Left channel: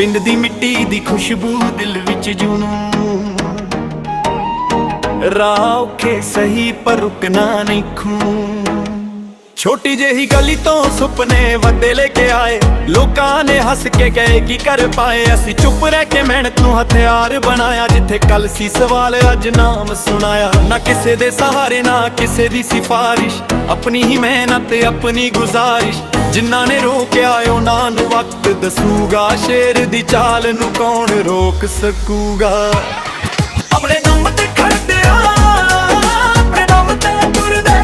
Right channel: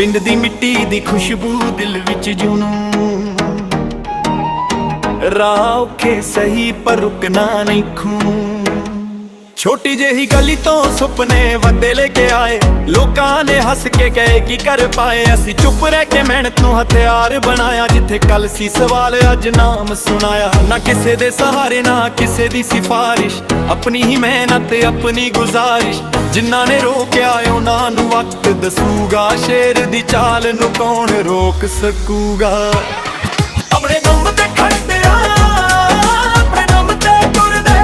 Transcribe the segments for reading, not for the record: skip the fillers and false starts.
ਪਿੰਡ ਦੀ ਮਿੱਟੀ ਦੀ ਖੁਸ਼ਬੂ ਦਿਲ ਵਿੱਚ ਜੁਨੂੰ ਰਾਹ ਔਖੇ ਸਹੀ ਪਰ ਰੁਕਣਾ ਨਹੀਂ ਖੂੰ। ਛੋਟੀ ਜਿਹੀ ਗਲੀ ਤੋਂ ਸੁਪਨੇ ਵੱਡੇ ਲੈ ਕੇ ਆਏ, ਲੋਕਾਂ ਨੇ ਹੱਸ ਕੇ ਕਹੇ ਕੀ ਕਰ ਪਾਏ। ਅਸੀਂ ਚੁੱਪ ਰਹਿ ਕੇ ਮਿਹਨਤ ਨੂੰ ਹਥਿਆਰ ਬਣਾਇਆ, ਜਿੱਥੇ ਕੱਲ ਸੀ ਸਵਾਲ ਅੱਜ ਨਾਮ ਸੁਣਾਇਆ। ਨਾ ਕਿਸੇ ਦੇ ਸਹਾਰੇ ਨਾ ਕਿਸੇ ਦੀ ਸਿਫਾਰਿਸ਼, ਆਪਣੀ ਹੀ ਮਿਹਨਤ ਆਪਣੀ ਗੁਜ਼ਾਰਿਸ਼। ਜਿਨ੍ਹਾਂ ਨੇ ਰੋਕਿਆ ਉਹਨਾਂ ਨੂੰ ਵਕਤ ਦੱਸੂਗਾ, ਸ਼ੇਰ ਦੀ ਚਾਲ ਨੂੰ ਕੌਣ ਰੋਕ ਸਕੂਗਾ। ਆਪਣੇ ਦਮ ਤੇ ਖੜਦੇ ਆ, ਆਪਣੇ ਦਮ ਤੇ ਤੁਰਦੇ,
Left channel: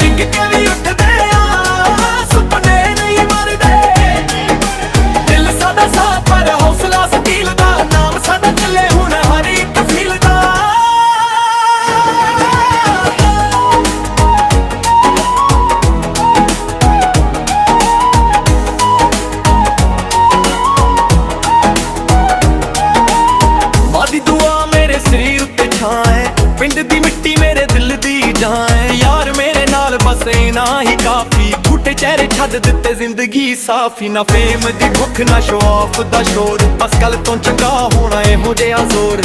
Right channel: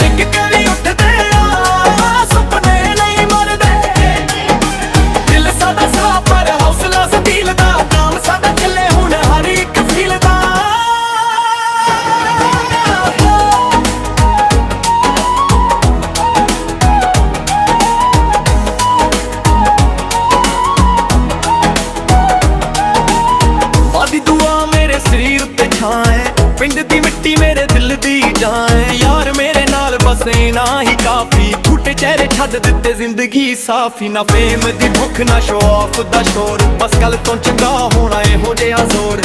ਡਿੱਗ ਕੇ ਵੀ ਉੱਠਦੇ ਆ, ਸੁਪਨੇ ਨਹੀਂ ਮਰਦੇ। ਦਿਲ ਸਾਡਾ ਸਾਫ਼ ਪਰ ਹੌਸਲਾ ਸਟੀਲ ਦਾ, ਨਾਮ ਸਾਡਾ ਚੱਲੇ ਹੁਣ ਹਰ ਇੱਕ ਫੀਲ ਦਾ। ਮਾਦੀ ਦੁਆ ਮੇਰੇ ਸਰੀਰ ਉੱਤੇ ਛਾਂ ਹੈ, ਪਿੰਡ ਦੀ ਮਿੱਟੀ ਮੇਰੇ ਦਿਲ ਦੀ ਜਾਨ ਹੈ। ਯਾਰ ਮੇਰੇ ਨਾਲ ਬਸੇ ਨਾ ਹੀ ਕਾਫੀ, ਝੂਠੇ ਚਿਹਰੇ ਛੱਡ ਦਿੱਤੇ ਜ਼ਿੰਦਗੀ ਸਾਫੀ। ਨਾ ਫੇਮ ਦੀ ਭੁੱਖ ਨਾ ਸ਼ੋ ਆਫ ਦਾ ਸ਼ੋਰ, ਬਸ ਕੱਲ ਤੋਂ ਚੰਗਾ ਹੋਣਾ ਇਹੋ ਜਿਹਾ ਜ਼ੋਰ।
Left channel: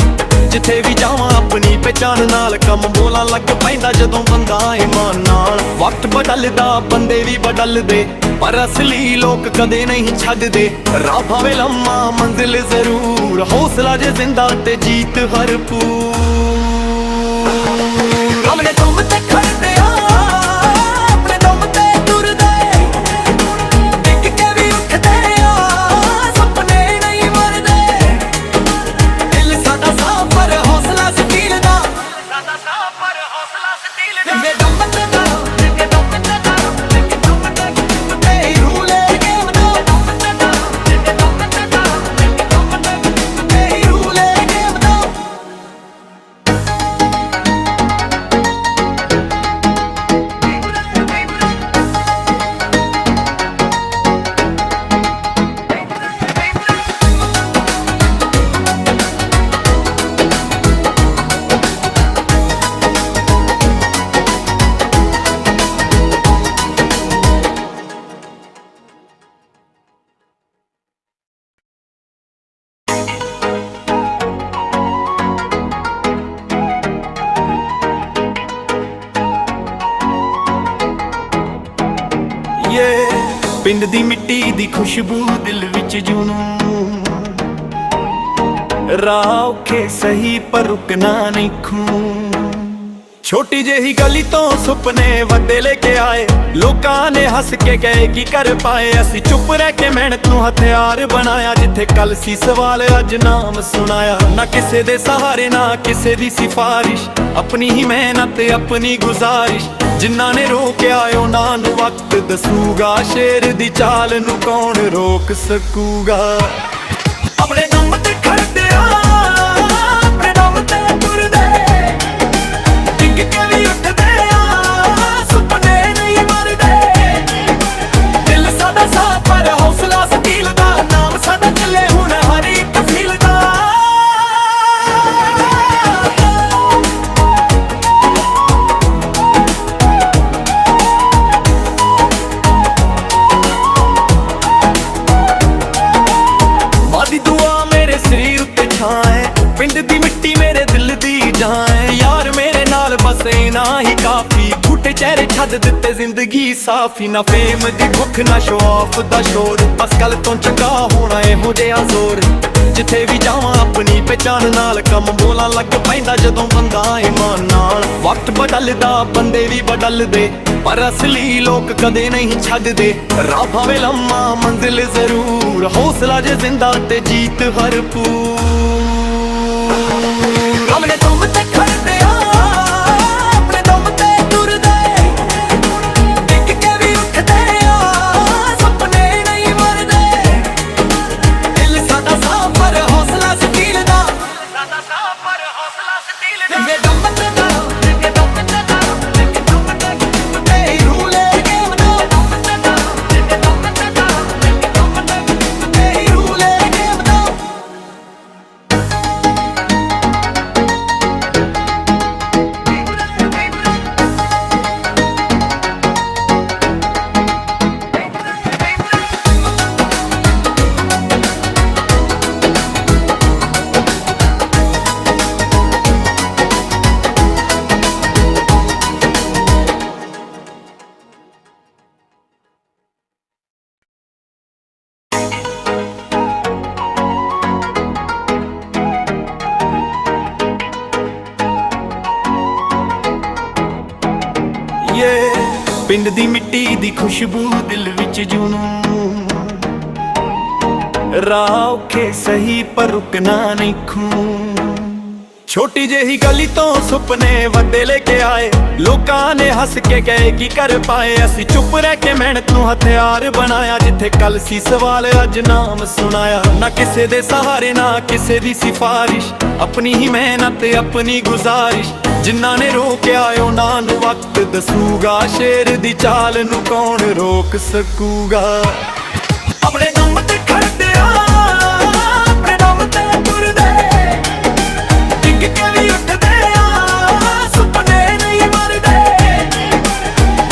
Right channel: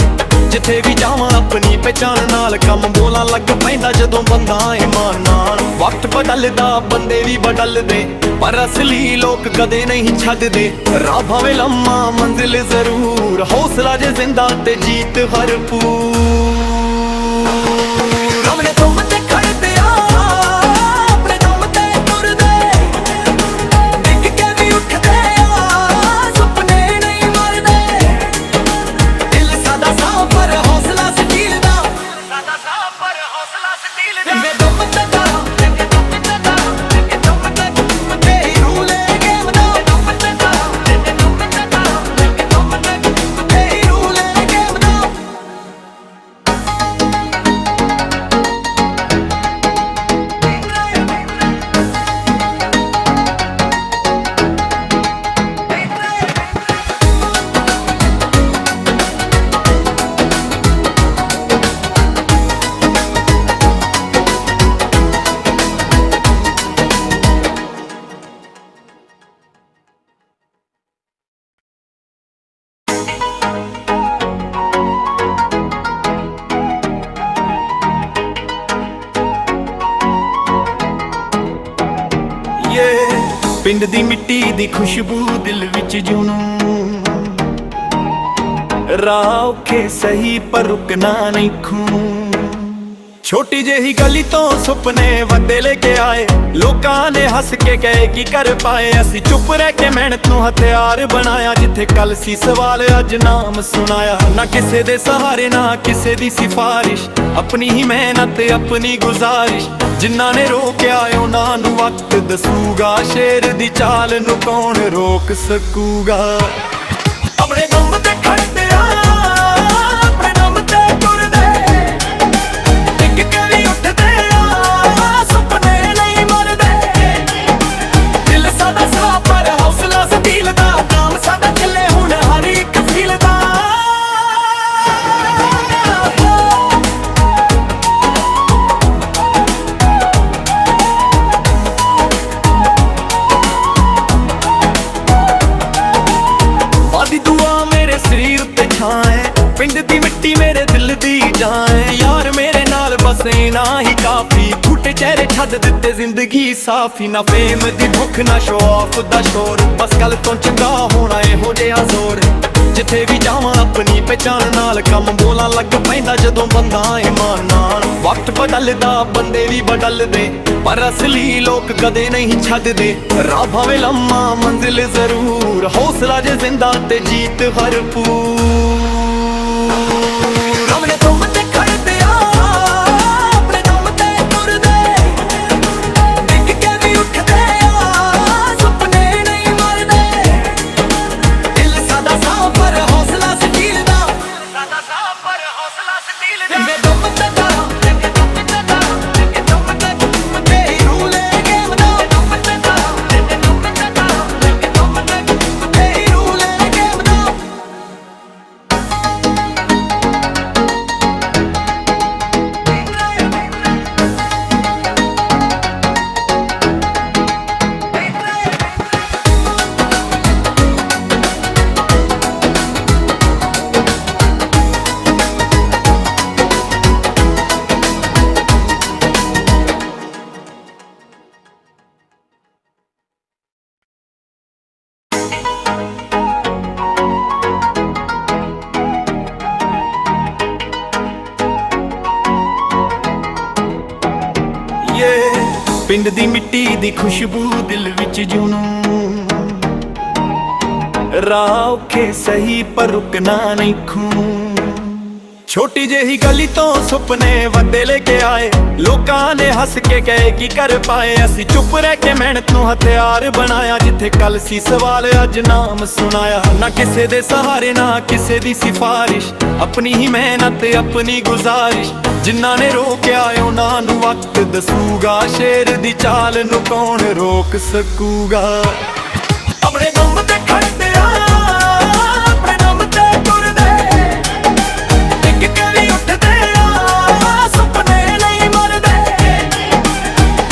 ਜਿੱਥੇ ਵੀ ਜਾਵਾਂ ਆਪਣੀ ਪਹਿਚਾਨ ਨਾਲ, ਕੰਮ ਬੋਲਾਂ ਲੱਗ ਪੈਂਦਾ ਜਦੋਂ ਬੰਦਾ ਇਮਾਨ ਨਾਲ। ਵਕਤ ਬਦਲਦਾ ਬੰਦੇ ਵੀ ਬਦਲਦੇ, ਪਰ ਅਸਲੀ ਲੋਕ ਕਦੇ ਨਹੀਂ ਛੱਡਦੇ। ਰਾਹ ਭਾਵੇਂ ਲੰਮਾ ਮੰਜ਼ਿਲ ਜ਼ਰੂਰ, ਹੌਸਲਾ ਜੇ ਜ਼ਿੰਦਾ ਤੇ ਜੀਤ ਭਰਪੂਰ। ਆਪਣੇ ਦਮ ਤੇ ਖੜਦੇ ਆ, ਆਪਣੇ ਦਮ ਤੇ ਤੁਰਦੇ, ਡਿੱਗ ਕੇ ਵੀ ਉੱਠਦੇ ਆ, ਸੁਪਨੇ ਨਹੀਂ ਮਰਦੇ। ਦਿਲ ਸਾਡਾ ਸਾਫ਼ ਪਰ ਹੌਸਲਾ ਸਟੀਲ ਦਾ, ਸਾਡਾ ਸਾਫ਼ ਪਰ ਹੌਸਲਾ ਸਟੀਲ ਦਾ। ਮੇਰੇ ਦਮ ਤੇ ਦਾ, ਮੇਰੇ ਦਮ ਤੇ ਦਾ, ਮੇਰੇ ਦਮ ਤੇ ਪਿੰਡ ਦੀ ਮਿੱਟੀ ਦੀ ਖੁਸ਼ਬੂ ਦਿਲ ਵਿੱਚ ਜੁਨੂੰ ਰਾਹ ਔਖੇ ਸਹੀ ਪਰ ਰੁਕਣਾ ਨਹੀਂ ਖੂੰ। ਛੋਟੀ ਜਿਹੀ ਗਲੀ ਤੋਂ ਸੁਪਨੇ ਵੱਡੇ ਲੈ ਕੇ ਆਏ, ਲੋਕਾਂ ਨੇ ਹੱਸ ਕੇ ਕਹੇ ਕੀ ਕਰ ਪਾਏ। ਅਸੀਂ ਚੁੱਪ ਰਹਿ ਕੇ ਮਿਹਨਤ ਨੂੰ ਹਥਿਆਰ ਬਣਾਇਆ, ਜਿੱਥੇ ਕੱਲ ਸੀ ਸਵਾਲ ਅੱਜ ਨਾਮ ਸੁਣਾਇਆ। ਨਾ ਕਿਸੇ ਦੇ ਸਹਾਰੇ ਨਾ ਕਿਸੇ ਦੀ ਸਿਫਾਰਿਸ਼, ਆਪਣੀ ਹੀ ਮਿਹਨਤ ਆਪਣੀ ਗੁਜ਼ਾਰਿਸ਼। ਜਿਨ੍ਹਾਂ ਨੇ ਰੋਕਿਆ ਉਹਨਾਂ ਨੂੰ ਵਕਤ ਦੱਸੂਗਾ, ਸ਼ੇਰ ਦੀ ਚਾਲ ਨੂੰ ਕੌਣ ਰੋਕ ਸਕੂਗਾ। ਆਪਣੇ ਦਮ ਤੇ ਖੜਦੇ ਆ, ਆਪਣੇ ਦਮ ਤੇ ਤੁਰਦੇ, ਡਿੱਗ ਕੇ ਵੀ ਉੱਠਦੇ ਆ, ਸੁਪਨੇ ਨਹੀਂ ਮਰਦੇ। ਦਿਲ ਸਾਡਾ ਸਾਫ਼ ਪਰ ਹੌਸਲਾ ਸਟੀਲ ਦਾ, ਨਾਮ ਸਾਡਾ ਚੱਲੇ ਹੁਣ ਹਰ ਇੱਕ ਫੀਲ ਦਾ। ਮਾਦੀ ਦੁਆ ਮੇਰੇ ਸਰੀਰ ਉੱਤੇ ਛਾਂ ਹੈ, ਪਿੰਡ ਦੀ ਮਿੱਟੀ ਮੇਰੇ ਦਿਲ ਦੀ ਜਾਨ ਹੈ। ਯਾਰ ਮੇਰੇ ਨਾਲ ਬਸੇ ਨਾ ਹੀ ਕਾਫੀ, ਝੂਠੇ ਚਿਹਰੇ ਛੱਡ ਦਿੱਤੇ ਜ਼ਿੰਦਗੀ ਸਾਫੀ। ਨਾ ਫੇਮ ਦੀ ਭੁੱਖ ਨਾ ਸ਼ੋ ਆਫ ਦਾ ਸ਼ੋਰ, ਬਸ ਕੱਲ ਤੋਂ ਚੰਗਾ ਹੋਣਾ ਇਹੋ ਜਿਹਾ ਜ਼ੋਰ। ਜਿੱਥੇ ਵੀ ਜਾਵਾਂ ਆਪਣੀ ਪਹਿਚਾਨ ਨਾਲ, ਕੰਮ ਬੋਲਾਂ ਲੱਗ ਪੈਂਦਾ ਜਦੋਂ ਬੰਦਾ ਇਮਾਨ ਨਾਲ। ਵਕਤ ਬਦਲਦਾ ਬੰਦੇ ਵੀ ਬਦਲਦੇ, ਪਰ ਅਸਲੀ ਲੋਕ ਕਦੇ ਨਹੀਂ ਛੱਡਦੇ। ਰਾਹ ਭਾਵੇਂ ਲੰਮਾ ਮੰਜ਼ਿਲ ਜ਼ਰੂਰ, ਹੌਸਲਾ ਜੇ ਜ਼ਿੰਦਾ ਤੇ ਜੀਤ ਭਰਪੂਰ। ਆਪਣੇ ਦਮ ਤੇ ਖੜਦੇ ਆ, ਆਪਣੇ ਦਮ ਤੇ ਤੁਰਦੇ, ਡਿੱਗ ਕੇ ਵੀ ਉੱਠਦੇ ਆ, ਸੁਪਨੇ ਨਹੀਂ ਮਰਦੇ। ਦਿਲ ਸਾਡਾ ਸਾਫ਼ ਪਰ ਹੌਸਲਾ ਸਟੀਲ ਦਾ, ਸਾਡਾ ਸਾਫ਼ ਪਰ ਹੌਸਲਾ ਸਟੀਲ ਦਾ। ਮੇਰੇ ਦਮ ਤੇ ਦਾ, ਮੇਰੇ ਦਮ ਤੇ ਦਾ, ਮੇਰੇ ਦਮ ਤੇ ਪਿੰਡ ਦੀ ਮਿੱਟੀ ਦੀ ਖੁਸ਼ਬੂ ਦਿਲ ਵਿੱਚ ਜੁਨੂੰ ਰਾਹ ਔਖੇ ਸਹੀ ਪਰ ਰੁਕਣਾ ਨਹੀਂ ਖੂੰ ਛੋਟੀ ਜਿਹੀ ਗਲੀ ਤੋਂ ਸੁਪਨੇ ਵੱਡੇ ਲੈ ਕੇ ਆਏ ਲੋਕਾਂ ਨੇ ਹੱਸ ਕੇ ਕਹੇ ਕੀ ਕਰ ਪਾਏ ਅਸੀਂ ਚੁੱਪ ਰਹਿ ਕੇ ਮਿਹਨਤ ਨੂੰ ਹਥਿਆਰ ਬਣਾਇਆ ਜਿੱਥੇ ਕੱਲ ਸੀ ਸਵਾਲ ਅੱਜ ਨਾਮ ਸੁਣਾਇਆ ਨਾ ਕਿਸੇ ਦੇ ਸਹਾਰੇ ਨਾ ਕਿਸੇ ਦੀ ਸਿਫਾਰਿਸ਼ ਆਪਣੀ ਹੀ ਮਿਹਨਤ ਆਪਣੀ ਗੁਜ਼ਾਰਿਸ਼ ਜਿਨ੍ਹਾਂ ਨੇ ਰੋਕਿਆ ਉਹਨਾਂ ਨੂੰ ਵਕਤ ਦੱਸੂਗਾ ਸ਼ੇਰ ਦੀ ਚਾਲ ਨੂੰ ਕੌਣ ਰੋਕ ਸਕੂਗਾ ਆਪਣੇ ਦਮ ਤੇ ਖੜਦੇ ਆ ਆਪਣੇ ਦਮ ਤੇ ਤੁਰਦੇ ਡਿੱਗ ਕੇ ਵੀ ਉੱਠਦੇ ਆ ਸੁਪਨੇ ਨਹੀਂ ਮਰਦੇ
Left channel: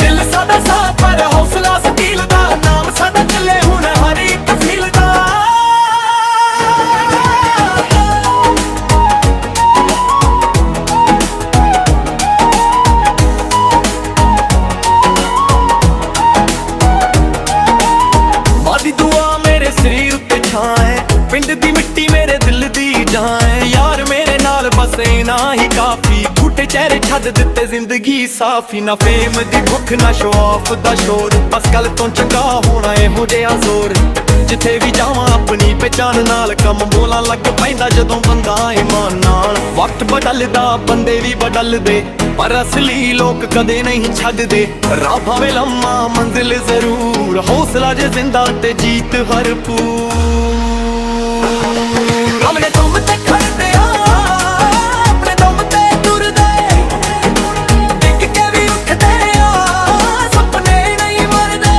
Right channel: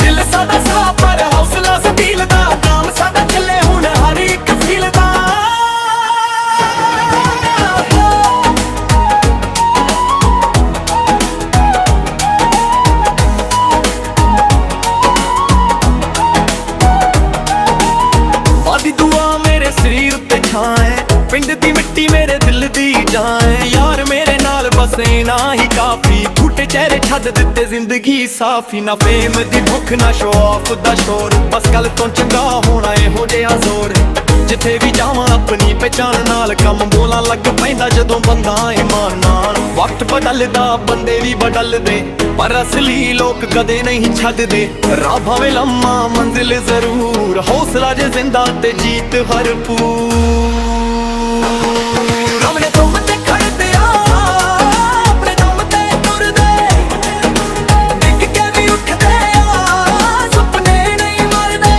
ਦਿਲ ਸਾਡਾ ਸਾਫ ਪਰ ਹੌਸਲਾ ਸਟੀਲ ਦਾ ਨਾਮ ਸਾਡਾ ਚੱਲੇ ਹੁਣ ਹਰ ਇੱਕ ਫੀਲ ਦਾ ਮਾਦੀ ਦੁਆ ਮੇਰੇ ਸਰੀਰ ਉੱਤੇ ਛਾਂ ਹੈ ਪਿੰਡ ਦੀ ਮਿੱਟੀ ਮੇਰੇ ਦਿਲ ਦੀ ਜਾਨ ਹੈ ਯਾਰ ਮੇਰੇ ਨਾਲ ਬਸ ਨਾ ਹੀ ਕਾਫੀ ਝੂਠੇ ਚਿਹਰੇ ਛੱਡ ਦਿੱਤੇ ਜ਼ਿੰਦਗੀ ਸਾਫੀ ਨਾ ਫੇਮ ਦੀ ਭੁੱਖ ਨਾ ਸ਼ੋ ਆਫ ਦਾ ਸ਼ੋਰ ਬਸ ਕੱਲ ਤੋਂ ਚੰਗਾ ਹੋਣਾ ਇਹੋ ਜਿਹਾ ਜ਼ੋਰ ਜਿੱਥੇ ਵੀ ਜਾਵਾਂ ਆਪਣੀ ਪਹਿਚਾਨ ਨਾਲ ਕੰਮ ਬੋਲਾਂ ਲੱਗ ਪੈਂਦਾ ਜਦੋਂ ਬੰਦਾ ਇਮਾਨ ਨਾਲ ਵਕਤ ਬਦਲਦਾ ਬੰਦੇ ਵੀ ਬਦਲਦੇ ਪਰ ਅਸਲੀ ਲੋਕ ਕਦੇ ਨਹੀਂ ਛੱਡਦੇ ਰਾਹ ਭਾਵੇਂ ਲੰਮਾ ਮੰਜ਼ਿਲ ਜ਼ਰੂਰ ਹੌਸਲਾ ਜੇ ਜ਼ਿੰਦਾ ਤੇ ਜੀਤ ਭਰਪੂਰ ਆਪਣੇ ਦਮ ਤੇ ਖੜਦੇ ਆ ਆਪਣੇ ਦਮ ਤੇ ਤੁਰਦੇ ਡਿੱਗ ਕੇ ਵੀ ਉੱਠਦੇ ਆ ਸੁਪਨੇ ਨਹੀਂ ਮਰਦੇ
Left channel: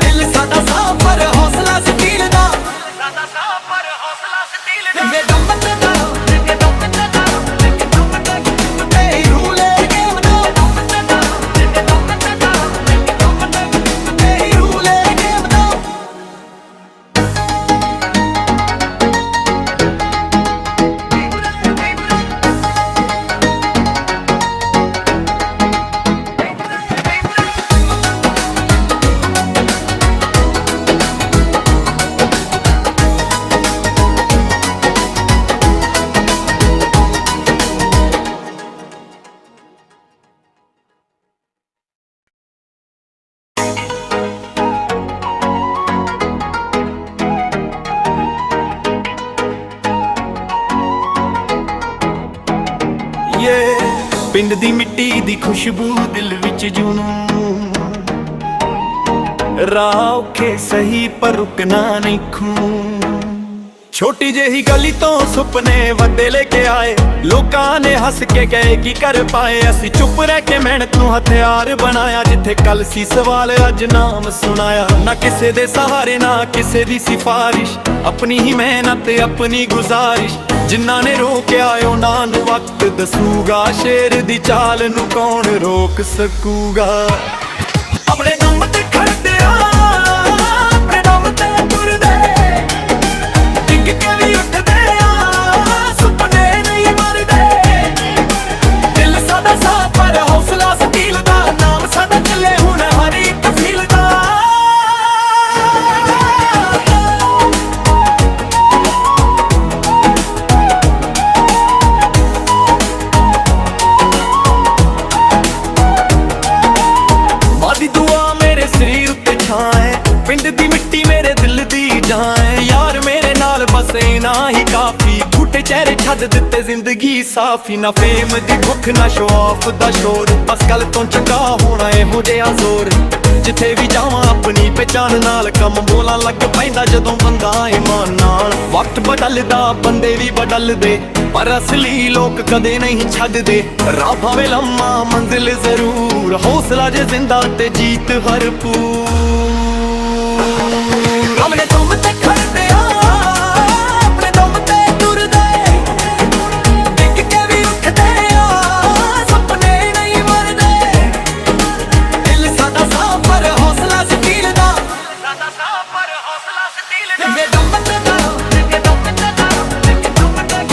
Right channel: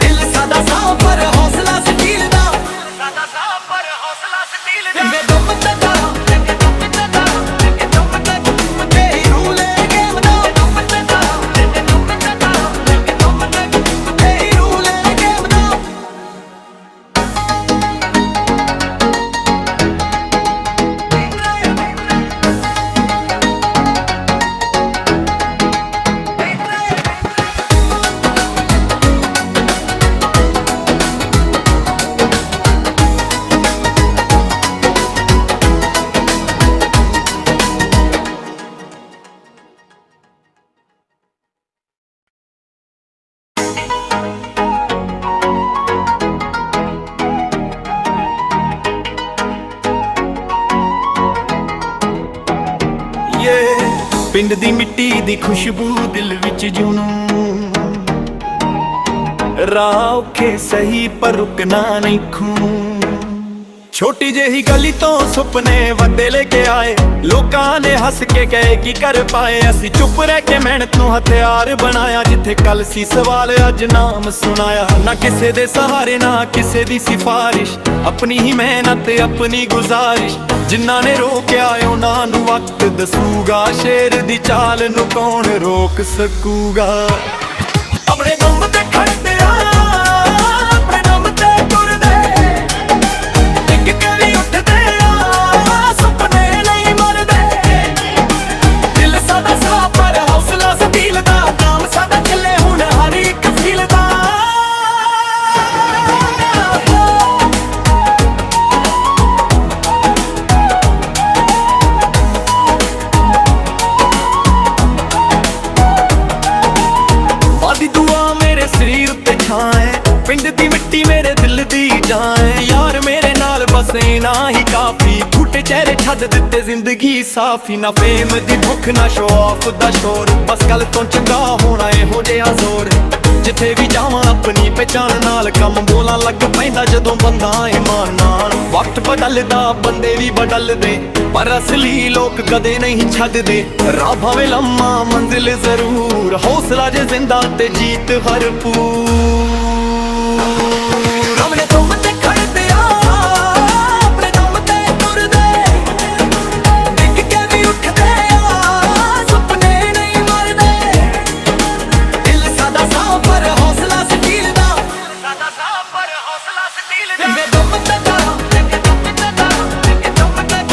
ਦਿਲ ਸਾਡਾ ਸਾਫ ਪਰ ਹੌਸਲਾ ਸਟੀਲ ਦਾ ਸਾਡਾ ਸਾਫ ਪਰ ਹੌਸਲਾ ਸਟੀਲ ਦਾ ਮੇਰੇ ਦਮ ਤੇ ਦਾ ਮੇਰੇ ਦਮ ਤੇ ਦਾ ਮੇਰੇ ਦਮ ਤੇ ਪਿੰਡ ਦੀ ਮਿੱਟੀ ਦੀ ਖੁਸ਼ਬੂ ਦਿਲ ਵਿੱਚ ਜੁਨੂੰ ਰਾਹ ਔਖੇ ਸਹੀ ਪਰ ਰੁਕਣਾ ਨਹੀਂ ਖੂੰ ਛੋਟੀ ਜਿਹੀ ਗਲੀ ਤੋਂ ਸੁਪਨੇ ਵੱਡੇ ਲੈ ਕੇ ਆਏ ਲੋਕਾਂ ਨੇ ਹੱਸ ਕੇ ਕਹੇ ਕੀ ਕਰ ਪਾਏ ਅਸੀਂ ਚੁੱਪ ਰਹਿ ਕੇ ਮਿਹਨਤ ਨੂੰ ਹਥਿਆਰ ਬਣਾਇਆ ਜਿੱਥੇ ਕੱਲ ਸੀ ਸਵਾਲ ਅੱਜ ਨਾਮ ਸੁਣਾਇਆ ਨਾ ਕਿਸੇ ਦੇ ਸਹਾਰੇ ਨਾ ਕਿਸੇ ਦੀ ਸਿਫਾਰਿਸ਼ ਆਪਣੀ ਹੀ ਮਿਹਨਤ ਆਪਣੀ ਗੁਜ਼ਾਰਿਸ਼ ਜਿਨ੍ਹਾਂ ਨੇ ਰੋਕਿਆ ਉਹਨਾਂ ਨੂੰ ਵਕਤ ਦੱਸੂਗਾ ਸ਼ੇਰ ਦੀ ਚਾਲ ਨੂੰ ਕੌਣ ਰੋਕ ਸਕੂਗਾ ਆਪਣੇ ਦਮ ਤੇ ਖੜਦੇ ਆ ਆਪਣੇ ਦਮ ਤੇ ਤੁਰਦੇ ਡਿੱਗ ਕੇ ਵੀ ਉੱਠਦੇ ਆ ਸੁਪਨੇ ਨਹੀਂ ਮਰਦੇ ਦਿਲ ਸਾਡਾ ਸਾਫ ਪਰ ਹੌਸਲਾ ਸਟੀਲ ਦਾ ਨਾਮ ਸਾਡਾ ਚੱਲੇ ਹੁਣ ਹਰ ਇੱਕ ਫੀਲ ਦਾ ਮਾਦੀ ਦੁਆ ਮੇਰੇ ਸਰੀਰ ਉੱਤੇ ਛਾਂ ਹੈ ਪਿੰਡ ਦੀ ਮਿੱਟੀ ਮੇਰੇ ਦਿਲ ਦੀ ਜਾਨ ਹੈ ਯਾਰ ਮੇਰੇ ਨਾਲ ਬਸ ਨਾ ਹੀ ਕਾਫੀ ਝੂਠੇ ਚਿਹਰੇ ਛੱਡ ਦਿੱਤੇ ਜ਼ਿੰਦਗੀ ਸਾਫੀ ਨਾ ਫੇਮ ਦੀ ਭੁੱਖ ਨਾ ਸ਼ੋ ਆਫ ਦਾ ਸ਼ੋਰ ਬਸ ਕੱਲ ਤੋਂ ਚੰਗਾ ਹੋਣਾ ਇਹੋ ਜਿਹਾ ਜ਼ੋਰ ਜਿੱਥੇ ਵੀ ਜਾਵਾਂ ਆਪਣੀ ਪਹਿਚਾਨ ਨਾਲ ਕੰਮ ਬੋਲਾਂ ਲੱਗ ਪੈਂਦਾ ਜਦੋਂ ਬੰਦਾ ਇਮਾਨ ਨਾਲ ਵਕਤ ਬਦਲਦਾ ਬੰਦੇ ਵੀ ਬਦਲਦੇ ਪਰ ਅਸਲੀ ਲੋਕ ਕਦੇ ਨਹੀਂ ਛੱਡਦੇ ਰਾਹ ਭਾਵੇਂ ਲੰਮਾ ਮੰਜ਼ਿਲ ਜ਼ਰੂਰ ਹੌਸਲਾ ਜੇ ਜ਼ਿੰਦਾ ਤੇ ਜੀਤ ਭਰਪੂਰ ਆਪਣੇ ਦਮ ਤੇ ਖੜਦੇ ਆ ਆਪਣੇ ਦਮ ਤੇ ਤੁਰਦੇ ਡਿੱਗ ਕੇ ਵੀ ਉੱਠਦੇ ਆ ਸੁਪਨੇ ਨਹੀਂ ਮਰਦੇ ਦਿਲ ਸਾਡਾ ਸਾਫ ਪਰ ਹੌਸਲਾ ਸਟੀਲ ਦਾ ਸਾਡਾ ਸਾਫ ਪਰ ਹੌਸਲਾ ਸਟੀਲ ਦਾ ਮੇਰੇ ਦਮ ਤੇ ਦਾ ਮੇਰੇ ਦਮ ਤੇ ਦਾ ਮੇਰੇ ਦਮ ਤੇ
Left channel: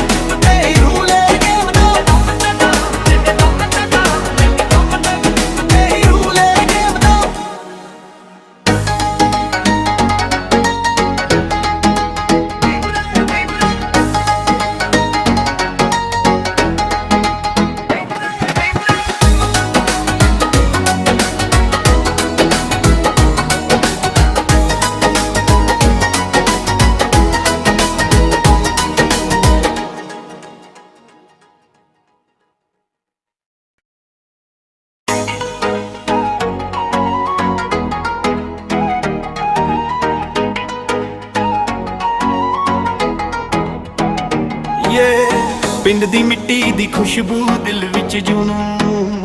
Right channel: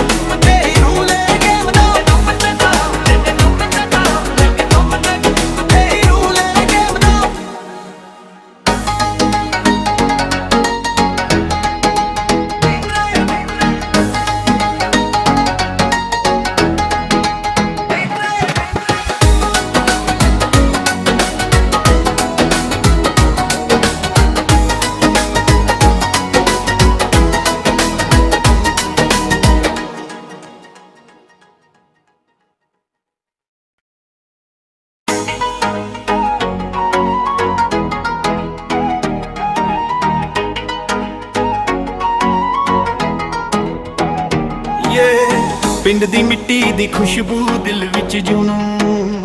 ਪਿੰਡ ਦੀ ਮਿੱਟੀ ਦੀ ਖੁਸ਼ਬੂ ਦਿਲ ਵਿੱਚ ਜੁਨੂੰ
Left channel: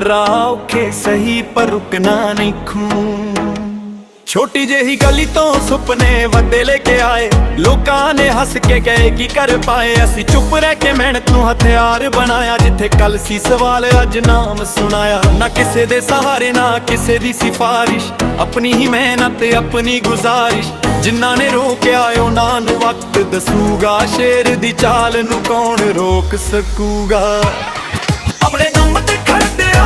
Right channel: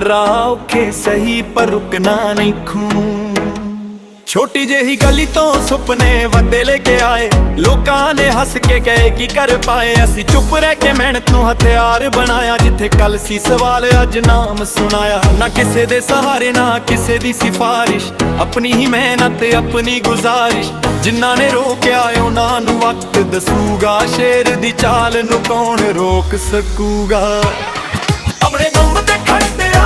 ਰਾਹ ਔਖੇ ਸਹੀ ਪਰ ਰੁਕਣਾ ਨਹੀਂ ਖੂੰ ਛੋਟੀ ਜਿਹੀ ਗਲੀ ਤੋਂ ਸੁਪਨੇ ਵੱਡੇ ਲੈ ਕੇ ਆਏ ਲੋਕਾਂ ਨੇ ਹੱਸ ਕੇ ਕਹੇ ਕੀ ਕਰ ਪਾਏ ਅਸੀਂ ਚੁੱਪ ਰਹਿ ਕੇ ਮਿਹਨਤ ਨੂੰ ਹਥਿਆਰ ਬਣਾਇਆ ਜਿੱਥੇ ਕੱਲ ਸੀ ਸਵਾਲ ਅੱਜ ਨਾਮ ਸੁਣਾਇਆ ਨਾ ਕਿਸੇ ਦੇ ਸਹਾਰੇ ਨਾ ਕਿਸੇ ਦੀ ਸਿਫਾਰਿਸ਼ ਆਪਣੀ ਹੀ ਮਿਹਨਤ ਆਪਣੀ ਗੁਜ਼ਾਰਿਸ਼ ਜਿਨ੍ਹਾਂ ਨੇ ਰੋਕਿਆ ਉਹਨਾਂ ਨੂੰ ਵਕਤ ਦੱਸੂਗਾ ਸ਼ੇਰ ਦੀ ਚਾਲ ਨੂੰ ਕੌਣ ਰੋਕ ਸਕੂਗਾ ਆਪਣੇ ਦਮ ਤੇ ਖੜਦੇ ਆ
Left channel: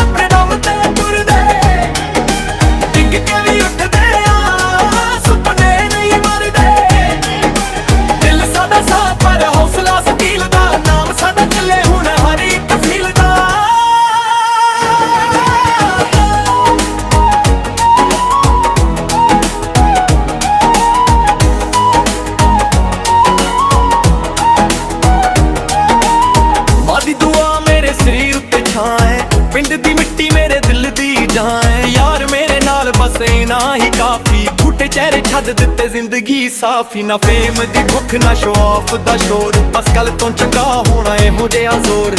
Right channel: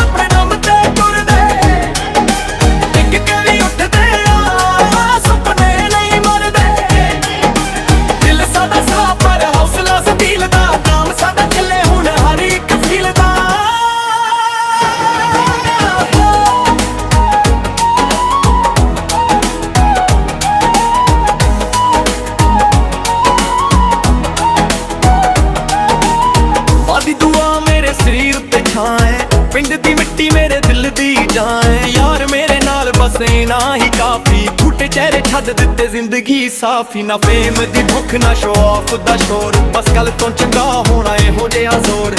ਆਪਣੇ ਦਮ ਤੇ ਤੁਰਦੇ ਡਿੱਗ ਕੇ ਵੀ ਉੱਠਦੇ ਆ ਸੁਪਨੇ ਨਹੀਂ ਮਰਦੇ ਦਿਲ ਸਾਡਾ ਸਾਫ਼ ਪਰ ਹੌਸਲਾ ਸਟੀਲ ਦਾ ਨਾਮ ਸਾਡਾ ਚੱਲੇ ਹੁਣ ਹਰ ਇੱਕ ਫੀਲ ਦਾ ਦੀ ਦੁਆ ਮੇਰੇ ਸਰੀਰ ਉੱਤੇ ਛਾਂ ਹੈ ਪਿੰਡ ਦੀ ਮਿੱਟੀ ਮੇਰੇ ਦਿਲ ਦੀ ਜਾਨ ਹੈ ਯਾਰ ਮੇਰੇ ਨਾਲ ਬਸੇ ਨਾ ਹੀ ਕਾਫੀ ਝੂਠੇ ਚਿਹਰੇ ਛੱਡ ਦਿੱਤੇ ਜ਼ਿੰਦਗੀ ਸਾਫੀ ਨਾ ਫੇਮ ਦੀ ਭੁੱਖ ਨਾ ਸ਼ੋ ਆਫ ਦਾ ਸ਼ੋਰ ਬਸ ਕੱਲ ਤੋਂ ਚੰਗਾ ਹੋਣਾ ਇਹੋ ਜਿਹਾ ਜ਼ੋਰ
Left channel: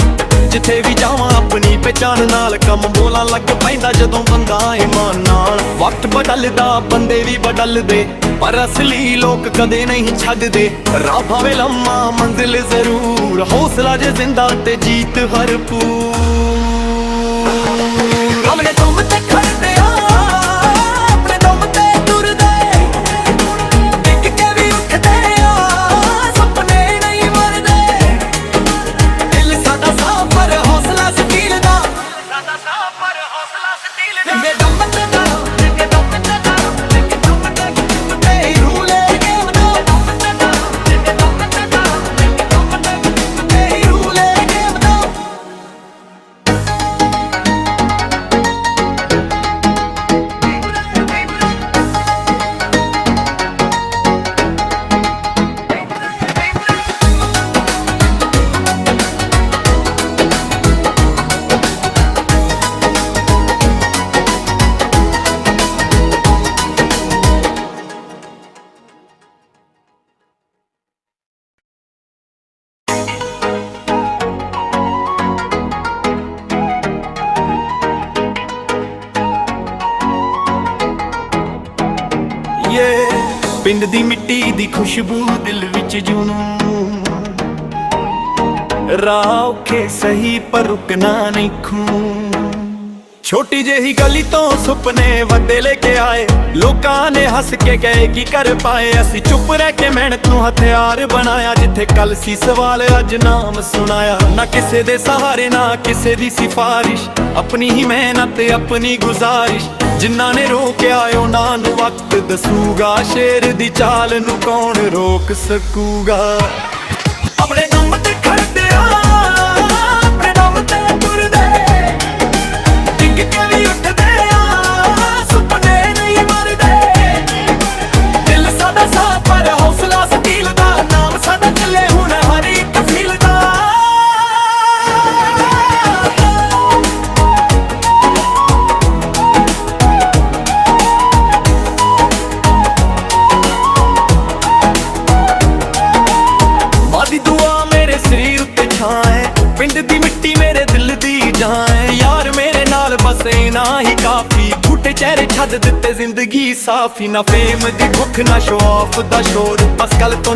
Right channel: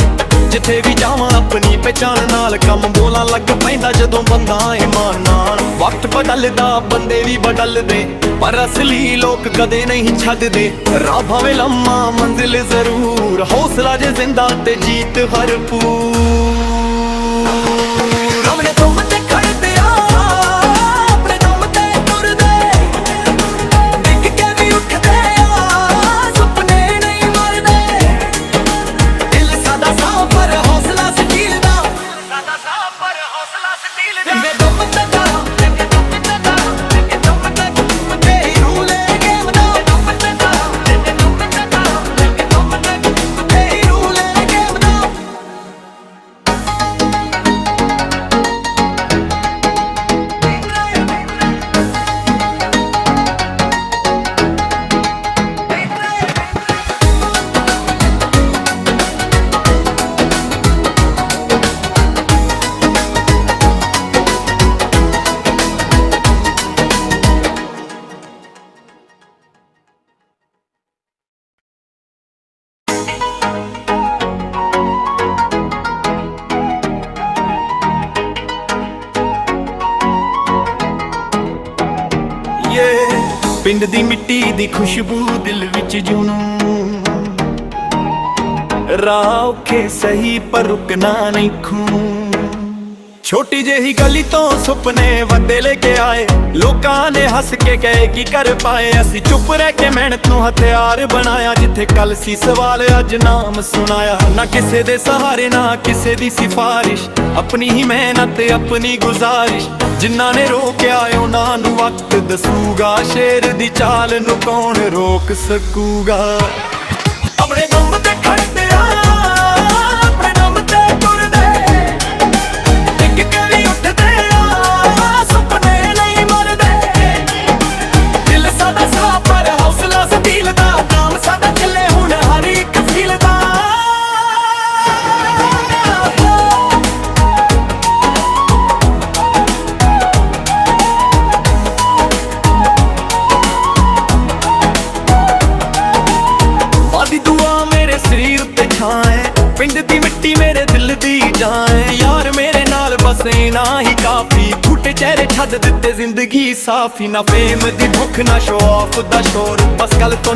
ਜਿੱਥੇ ਵੀ ਜਾਵਾਂ ਆਪਣੀ ਪਹਿਚਾਨ ਨਾਲ ਕੰਮ ਬੋਲਾਂ ਲੱਗ ਪੈਂਦਾ ਜਦੋਂ ਬੰਦਾ ਇਮਾਨ ਨਾਲ ਵਕਤ ਬਦਲਦਾ ਬੰਦੇ ਵੀ ਬਦਲਦੇ ਪਰ ਅਸਲੀ ਲੋਕ ਕਦੇ ਨਹੀਂ ਛੱਡਦੇ ਰਾਹ ਭਾਵੇਂ ਲੰਮਾ ਮੰਜ਼ਿਲ ਜ਼ਰੂਰ ਹੌਸਲਾ ਜੇ ਜ਼ਿੰਦਾ ਤੇ ਜੀਤ ਭਰਪੂਰ ਆਪਣੇ ਦਮ ਤੇ ਖੜਦੇ ਆ ਆਪਣੇ ਦਮ ਤੇ ਤੁਰਦੇ ਡਿੱਗ ਕੇ ਵੀ ਉੱਠਦੇ ਆ ਸੁਪਨੇ ਨਹੀਂ ਮਰਦੇ ਦਿਲ ਸਾਡਾ ਸਾਫ਼ ਪਰ ਹੌਸਲਾ ਸਟੀਲ ਦਾ ਸਾਡਾ ਸਾਫ਼ ਪਰ ਹੌਸਲਾ ਸਟੀਲ ਦਾ ਮੇਰੇ ਦਮ ਤੇ ਦਾ ਮੇਰੇ ਦਮ ਤੇ ਦਾ ਮੇਰੇ ਦਮ ਤੇ ਪਿੰਡ ਦੀ ਮਿੱਟੀ ਦੀ ਖੁਸ਼ਬੂ ਦਿਲ ਵਿੱਚ ਜੁਨੂੰ ਰਾਹ ਔਖੇ ਸਹੀ ਪਰ ਰੁਕਣਾ ਨਹੀਂ ਖੂੰ ਛੋਟੀ ਜਿਹੀ ਗਲੀ ਤੋਂ ਸੁਪਨੇ ਵੱਡੇ ਲੈ ਕੇ ਆਏ ਲੋਕਾਂ ਨੇ ਹੱਸ ਕੇ ਕਹੇ ਕੀ ਕਰ ਪਾਏ ਅਸੀਂ ਚੁੱਪ ਰਹਿ ਕੇ ਮਿਹਨਤ ਨੂੰ ਹਥਿਆਰ ਬਣਾਇਆ ਜਿੱਥੇ ਕੱਲ ਸੀ ਸਵਾਲ ਅੱਜ ਨਾਮ ਸੁਣਾਇਆ ਨਾ ਕਿਸੇ ਦੇ ਸਹਾਰੇ ਨਾ ਕਿਸੇ ਦੀ ਸਿਫਾਰਿਸ਼ ਆਪਣੀ ਹੀ ਮਿਹਨਤ ਆਪਣੀ ਗੁਜ਼ਾਰਿਸ਼ ਜਿਨ੍ਹਾਂ ਨੇ ਰੋਕਿਆ ਉਹਨਾਂ ਨੂੰ ਵਕਤ ਦੱਸੂਗਾ ਸ਼ੇਰ ਦੀ ਚਾਲ ਨੂੰ ਕੌਣ ਰੋਕ ਸਕੂਗਾ ਆਪਣੇ ਦਮ ਤੇ ਖੜਦੇ ਆ ਆਪਣੇ ਦਮ ਤੇ ਤੁਰਦੇ ਡਿੱਗ ਕੇ ਵੀ ਉੱਠਦੇ ਆ ਸੁਪਨੇ ਨਹੀਂ ਮਰਦੇ ਦਿਲ ਸਾਡਾ ਸਾਫ਼ ਪਰ ਹੌਸਲਾ ਸਟੀਲ ਦਾ ਨਾਮ ਸਾਡਾ ਚੱਲੇ ਹੁਣ ਹਰ ਇੱਕ ਫੀਲ ਦਾ ਦੀ ਦੁਆ ਮੇਰੇ ਸਰੀਰ ਉੱਤੇ ਛਾਂ ਹੈ ਪਿੰਡ ਦੀ ਮਿੱਟੀ ਮੇਰੇ ਦਿਲ ਦੀ ਜਾਨ ਹੈ ਯਾਰ ਮੇਰੇ ਨਾਲ ਬਸੇ ਨਾ ਹੀ ਕਾਫੀ ਝੂਠੇ ਚਿਹਰੇ ਛੱਡ ਦਿੱਤੇ ਜ਼ਿੰਦਗੀ ਸਾਫੀ ਨਾ ਫੇਮ ਦੀ ਭੁੱਖ ਨਾ ਸ਼ੋ ਆਫ ਦਾ ਸ਼ੋਰ ਬਸ ਕੱਲ ਤੋਂ